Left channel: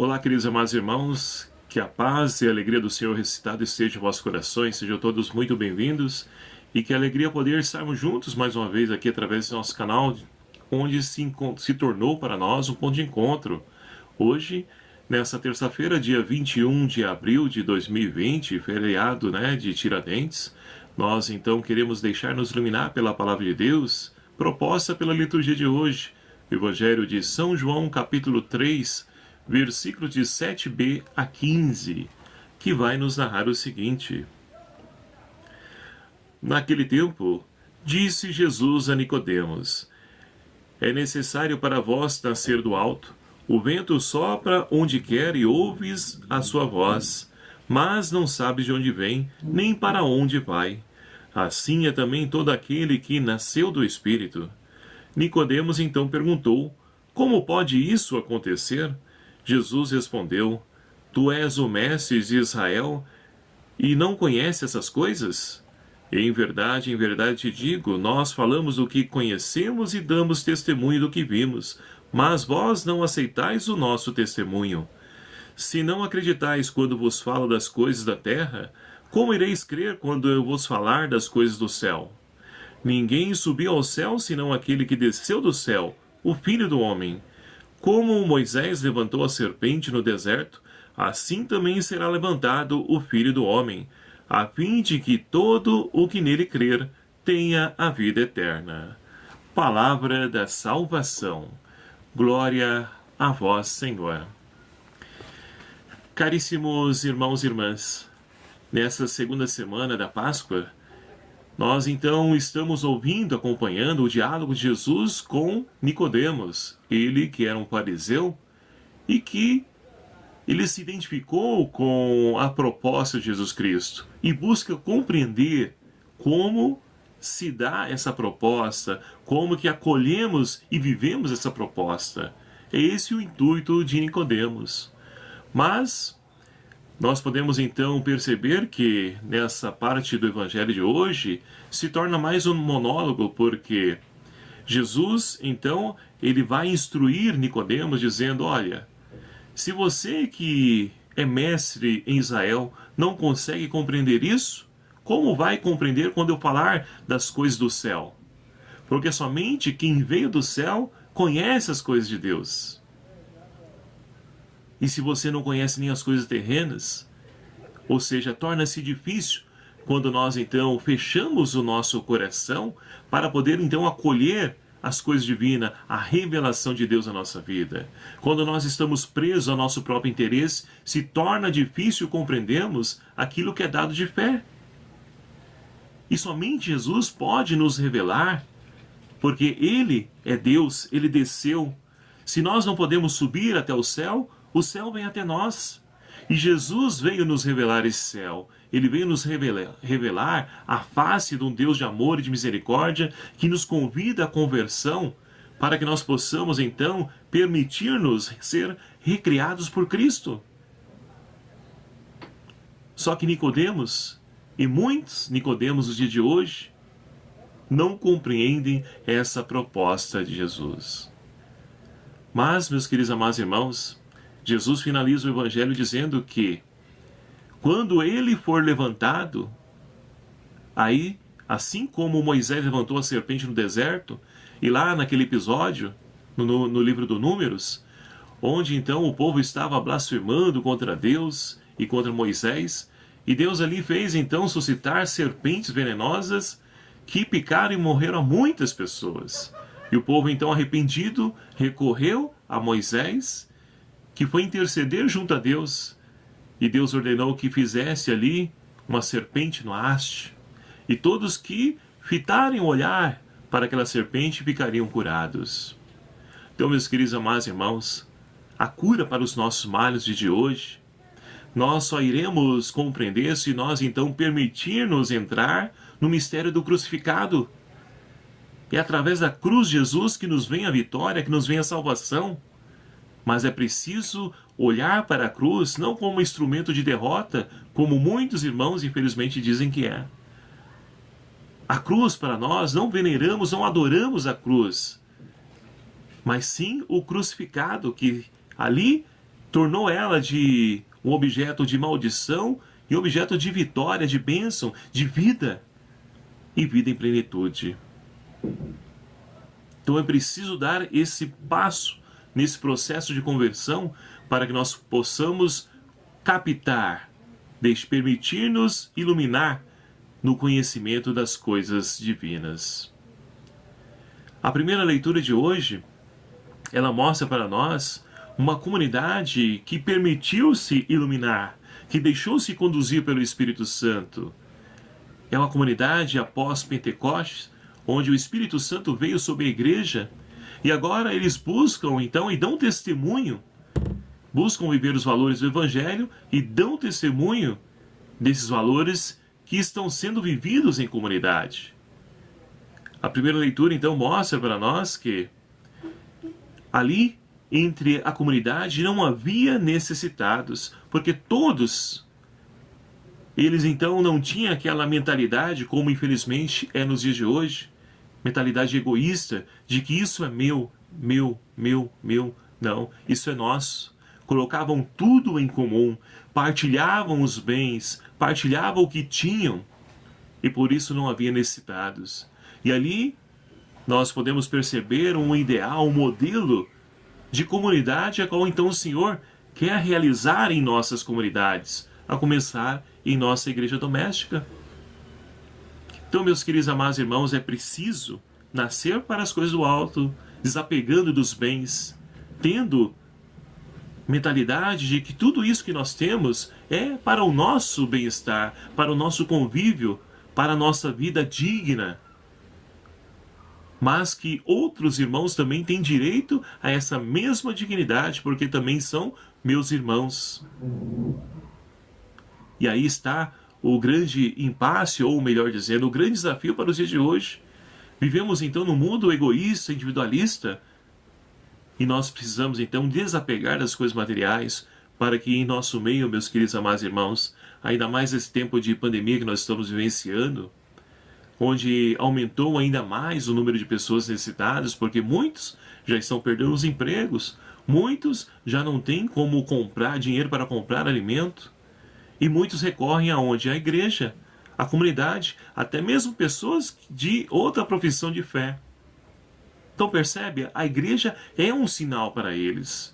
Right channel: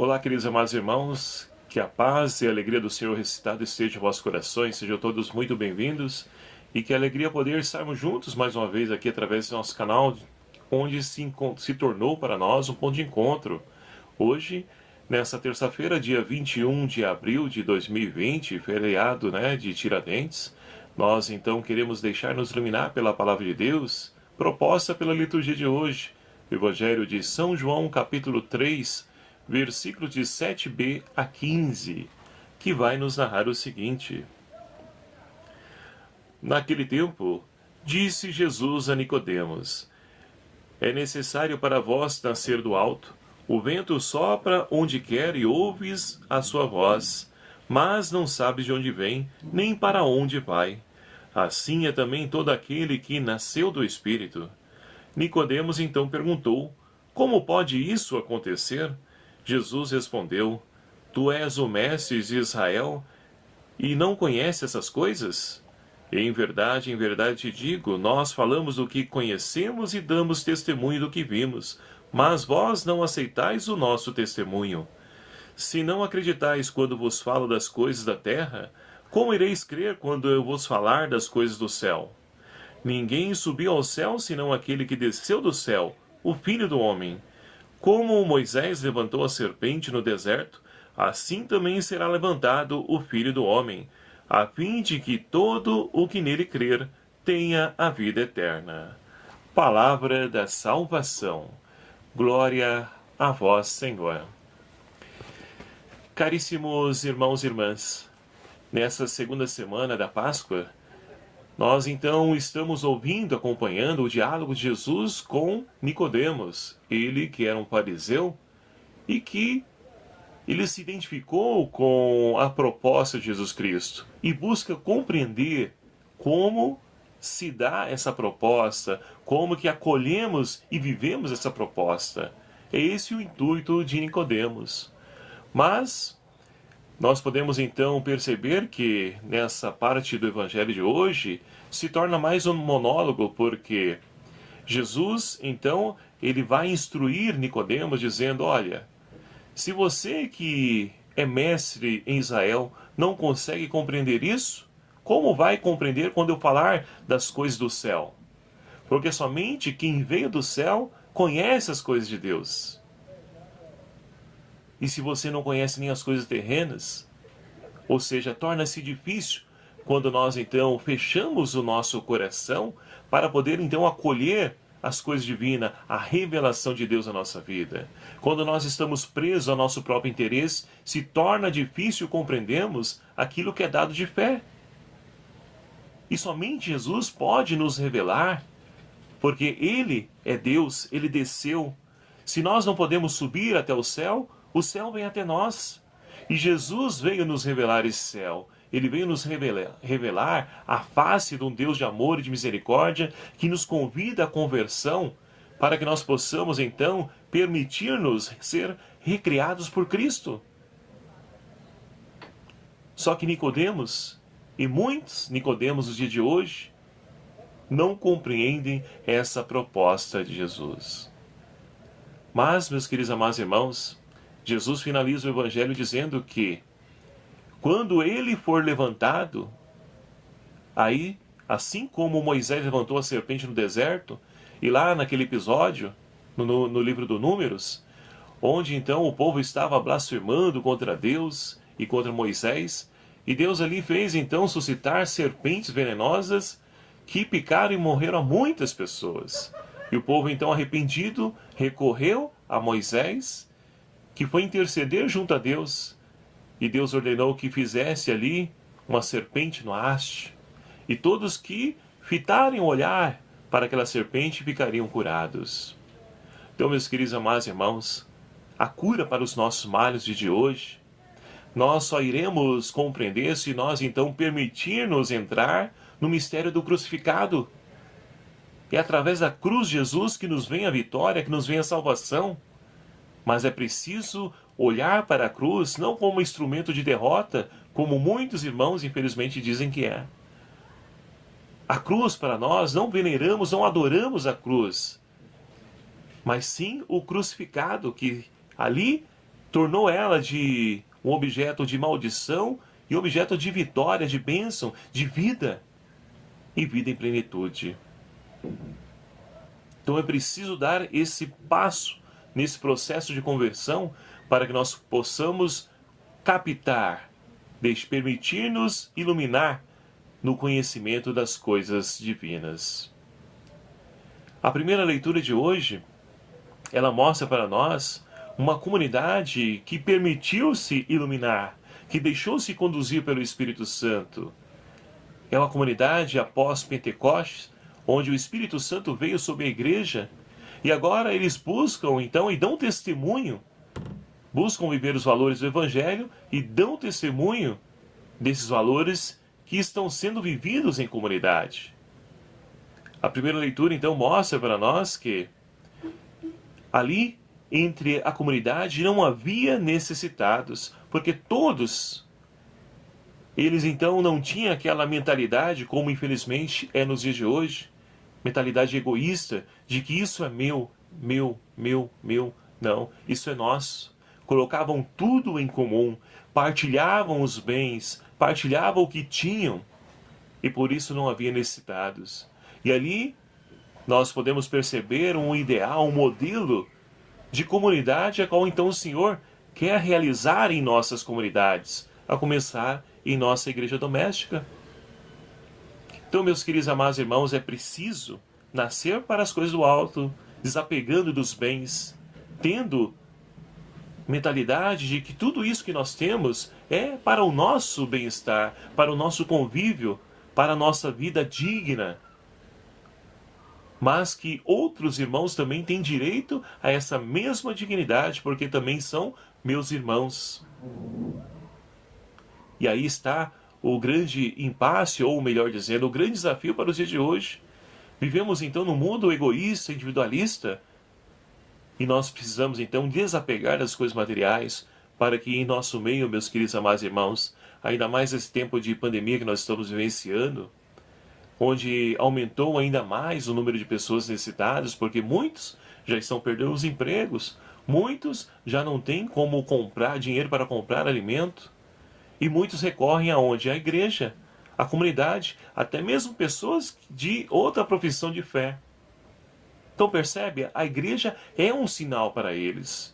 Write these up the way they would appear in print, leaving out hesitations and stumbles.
Olá, queridos amados irmãos, que a paz e a alegria do Senhor ressuscitado esteja em vossos corações, sejam todos muito bem-vindos e que alegria poder estarmos juntos mais uma vez aqui através do nosso canal, onde se tornou para nós um ponto de encontro. Hoje, nessa terça-feira, dia 21 de abril de 2020, feriado de Tiradentes, nós então queremos deixar-nos iluminar pela palavra de Deus, proposta pela liturgia de hoje, o Evangelho de São João, capítulo 3, versículos de 7b a 15, que vai nos narrar o seguinte. Naquele tempo, disse Jesus a Nicodemos: É necessário para vós nascer do alto. O vento sopra onde quer e ouves a sua voz, mas não sabes de onde vem, nem para onde vai. Assim é também todo aquele que nasceu do Espírito. Nicodemos então perguntou: Como pode isso acontecer? Jesus respondeu: Tu és o mestre de Israel e não conheces essas coisas? Em verdade te digo, nós falamos o que conhecemos e damos testemunho do que vimos, mas vós não aceitais o nosso testemunho. Se não acreditais quando vos falo das coisas da terra, como ireis crer quando eu vos falar das coisas do céu? Ninguém subiu ao céu senão aquele que desceu do céu, o Filho do Homem. Como Moisés levantou a serpente no deserto, assim também será levantado o Filho do Homem, a fim de que todo o que nele crer tenha a vida eterna. Palavra da salvação. Glória a vós, Senhor. Caríssimos irmãos e irmãs, nessa segunda semana da Páscoa, nós então estamos acompanhando o diálogo de Jesus com Nicodemos, ele que era um fariseu e que ele se identificou com a proposta de Jesus Cristo e busca compreender como se dá essa proposta, como que acolhemos e vivemos essa proposta. É esse o intuito de Nicodemos. Mas nós podemos então perceber que nessa parte do Evangelho de hoje se torna mais um monólogo, porque Jesus então ele vai instruir Nicodemos dizendo: olha, se você que é mestre em Israel não consegue compreender isso, como vai compreender quando eu falar das coisas do céu? Porque somente quem veio do céu conhece as coisas de Deus. E se você não conhece nem as coisas terrenas, ou seja, torna-se difícil quando nós então fechamos o nosso coração para poder então acolher as coisas divinas, a revelação de Deus na nossa vida. Quando nós estamos presos ao nosso próprio interesse, se torna difícil compreendermos aquilo que é dado de fé. E somente Jesus pode nos revelar, porque Ele é Deus, Ele desceu. Se nós não podemos subir até o céu vem até nós. E Jesus veio nos revelar esse céu. Ele veio nos revelar a face de um Deus de amor e de misericórdia que nos convida à conversão para que nós possamos, então, permitir-nos ser recriados por Cristo. Só que Nicodemos, e muitos Nicodemos dos dias de hoje, não compreendem essa proposta de Jesus. Mas, meus queridos amados irmãos, Jesus finaliza o Evangelho dizendo que quando ele for levantado, aí, assim como Moisés levantou a serpente no deserto, e lá naquele episódio, no livro do Números, onde então o povo estava blasfemando contra Deus e contra Moisés, e Deus ali fez então suscitar serpentes venenosas que picaram e morreram a muitas pessoas. E o povo então arrependido recorreu a Moisés, que foi interceder junto a Deus, e Deus ordenou que fizesse ali uma serpente no haste, e todos que fitarem o olhar para aquela serpente ficariam curados. Então, meus queridos amados irmãos, a cura para os nossos males de hoje, nós só iremos compreender se nós então permitirmos entrar no mistério do crucificado. É através da cruz de Jesus que nos vem a vitória, que nos vem a salvação. Mas é preciso olhar para a cruz não como um instrumento de derrota, como muitos irmãos infelizmente dizem que é. A cruz para nós, não veneramos, não adoramos a cruz, mas sim o crucificado, que ali tornou ela de um objeto de maldição e objeto de vitória, de bênção, de vida e vida em plenitude. Então é preciso dar esse passo nesse processo de conversão para que nós possamos captar, permitir-nos iluminar no conhecimento das coisas divinas. A primeira leitura de hoje, ela mostra para nós uma comunidade que permitiu-se iluminar, que deixou-se conduzir pelo Espírito Santo. É uma comunidade após Pentecostes, onde o Espírito Santo veio sobre a igreja, e agora eles buscam, então, e dão testemunho, buscam viver os valores do Evangelho e dão testemunho desses valores que estão sendo vividos em comunidade. A primeira leitura, então, mostra para nós que ali, entre a comunidade, não havia necessitados, porque todos eles, então, não tinham aquela mentalidade, como infelizmente é nos dias de hoje, mentalidade egoísta, de que isso é meu. Não, isso é nosso. Colocavam tudo em comum, partilhavam os bens, partilhavam o que tinham, e por isso não havia necessitados. E ali nós podemos perceber um ideal, um modelo de comunidade a qual então o Senhor quer realizar em nossas comunidades, a começar em nossa igreja doméstica. Então, meus queridos amados irmãos, é preciso nascer para as coisas do alto, desapegando dos bens, tendo mentalidade de que tudo isso que nós temos é para o nosso bem-estar, para o nosso convívio, para a nossa vida digna. Mas que outros irmãos também têm direito a essa mesma dignidade, porque também são meus irmãos. E aí está o grande impasse, ou melhor dizendo, o grande desafio para os dias de hoje. Vivemos então num mundo egoísta, individualista, e nós precisamos então desapegar das coisas materiais para que em nosso meio, meus queridos amados irmãos, ainda mais esse tempo de pandemia que nós estamos vivenciando, onde aumentou ainda mais o número de pessoas necessitadas, porque muitos já estão perdendo os empregos, muitos já não têm como comprar dinheiro para comprar alimento, e muitos recorrem aonde? À igreja, à comunidade, até mesmo pessoas de outra profissão de fé. Então percebe, a igreja é um sinal para eles,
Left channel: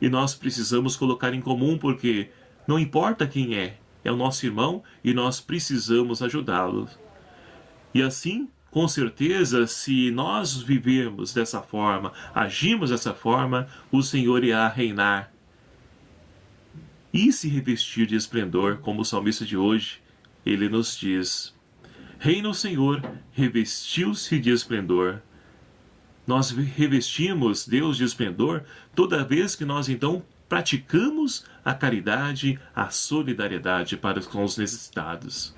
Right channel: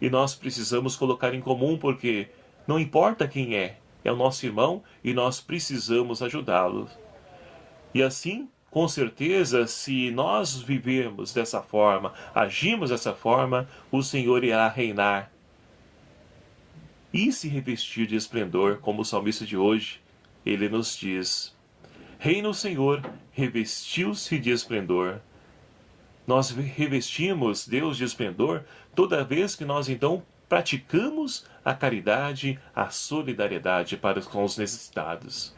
e nós precisamos colocar em comum, porque não importa quem é o nosso irmão, e nós precisamos ajudá-lo. E assim, com certeza, se nós vivermos dessa forma, agimos dessa forma, o Senhor irá reinar e se revestir de esplendor, como o salmista de hoje, ele nos diz: reina o Senhor, revestiu-se de esplendor. Nós revestimos Deus de esplendor toda vez que nós então praticamos a caridade, a solidariedade para com os necessitados.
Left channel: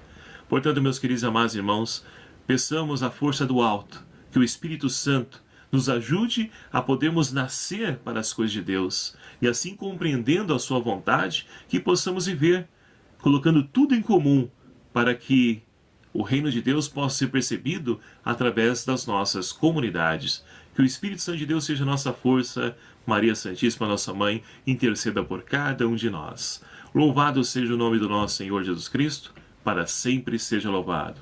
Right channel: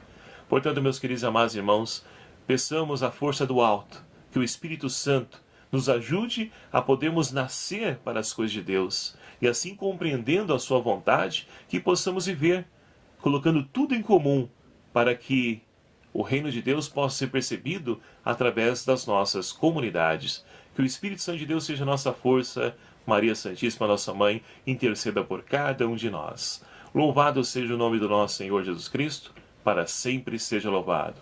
Portanto, meus queridos e amados irmãos, peçamos a força do alto, que o Espírito Santo nos ajude a podermos nascer para as coisas de Deus, e assim compreendendo a sua vontade, que possamos viver, colocando tudo em comum, para que o reino de Deus possa ser percebido através das nossas comunidades. Que o Espírito Santo de Deus seja nossa força. Maria Santíssima, nossa Mãe, interceda por cada um de nós. Louvado seja o nome do nosso Senhor Jesus Cristo, para sempre seja louvado.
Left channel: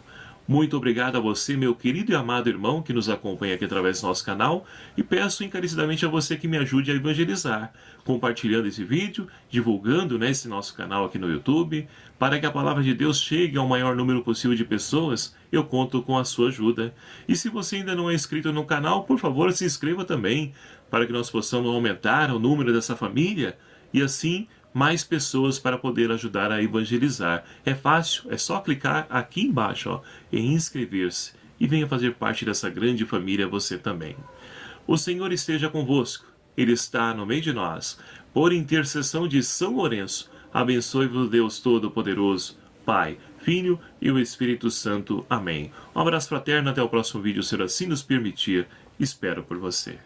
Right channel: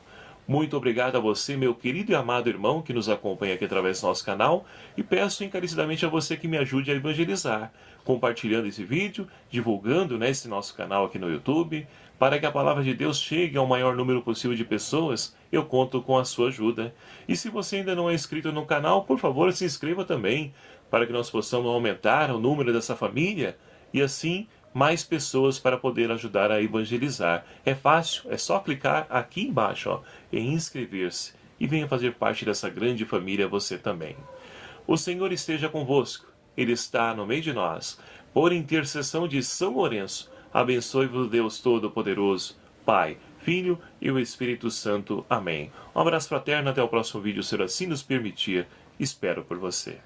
Muito obrigado a você, meu querido e amado irmão, que nos acompanha aqui através do nosso canal, e peço encarecidamente a você que me ajude a evangelizar, compartilhando esse vídeo, divulgando esse nosso canal aqui no YouTube, para que a palavra de Deus chegue ao maior número possível de pessoas. Eu conto com a sua ajuda. E se você ainda não é inscrito no canal, por favor, se inscreva também, para que nós possamos aumentar o número dessa família, e assim mais pessoas para poder ajudar a evangelizar. É fácil, é só clicar aqui embaixo em inscrever-se e venha fazer parte dessa grande família você também. O Senhor esteja convosco, Ele está no meio de nós. Por intercessão de São Lourenço, abençoe-vos Deus Todo-Poderoso, Pai, Filho e o Espírito Santo. Amém. Um abraço fraterno, até o próximo vídeo, se assim nos permitir. Espero por você.